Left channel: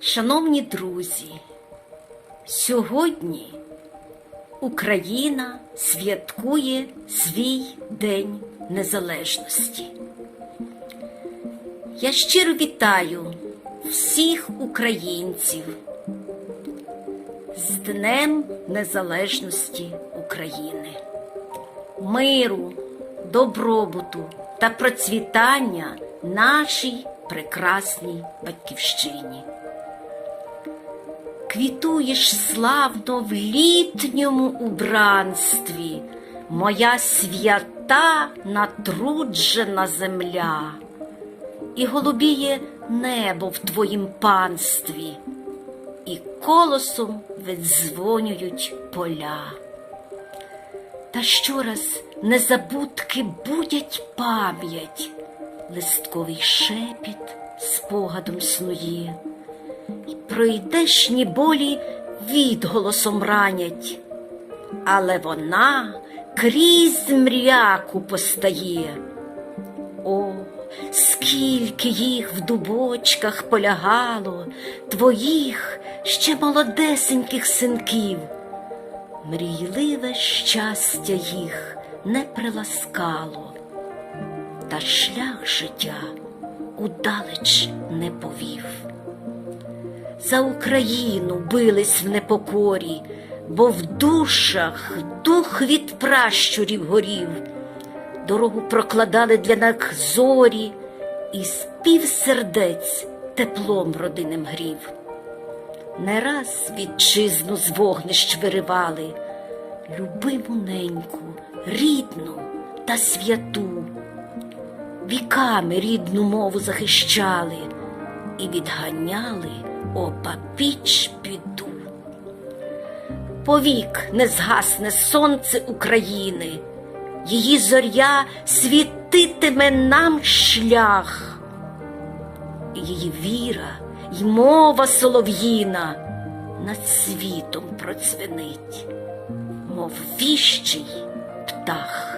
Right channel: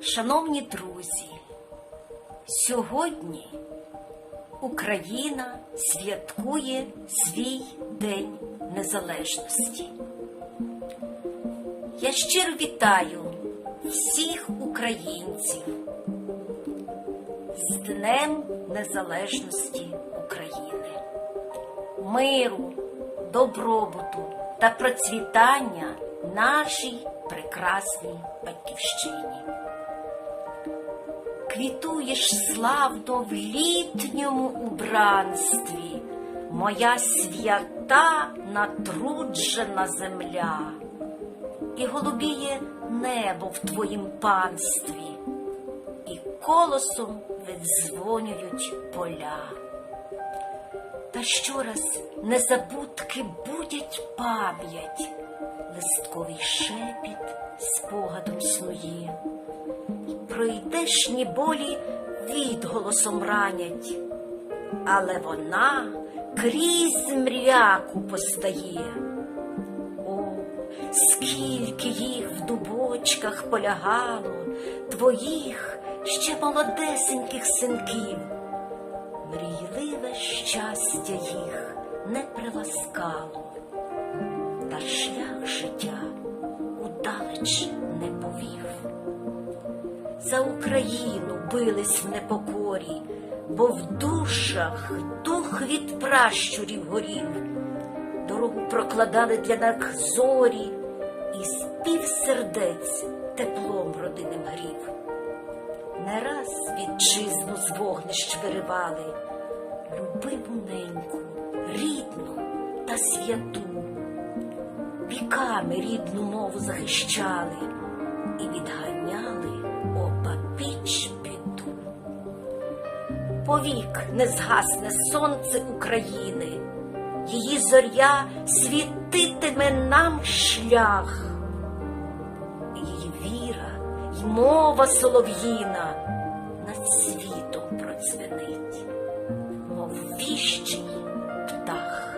Шановні друзі, сьогодні Україна святкує свій День Незалежності. Я щиро вітаю всіх українців з Днем Незалежності України, миру, добробуту та процвітання нашій прекрасній батьківщині. Квітуєш славно в літньому убранстві, моя свята натруджена земля, і голубіє небо в твоїм панстві, і колосом видзвонюють поля. Та щораз незабудки будять пам'ять, листковий шепіт спогадом снує, і пройдешні болі відголосом ранять, але вона крізь мряку постає. О, скільки їх в дубочках полягало, твоїх ще молодесеньких синків, мрійливе щастя їх не приласкало, та шлях життя удалеч не повів. За Україну бились в непокорі, бо в душах дух від пращурів горів, дорогу прокладали для нас зорі, і спів сердець теплом родинним грів. Не раз вітчизну з вогнищ виривали, любиму неньку, рідну та святу, віками рідну мову захищали і відганяли опапіч біду. Повік не згасне сонце України, її зоря світитиме нам шлях, її віра й мова солов'їна над світом процвінить, мов віщий птах.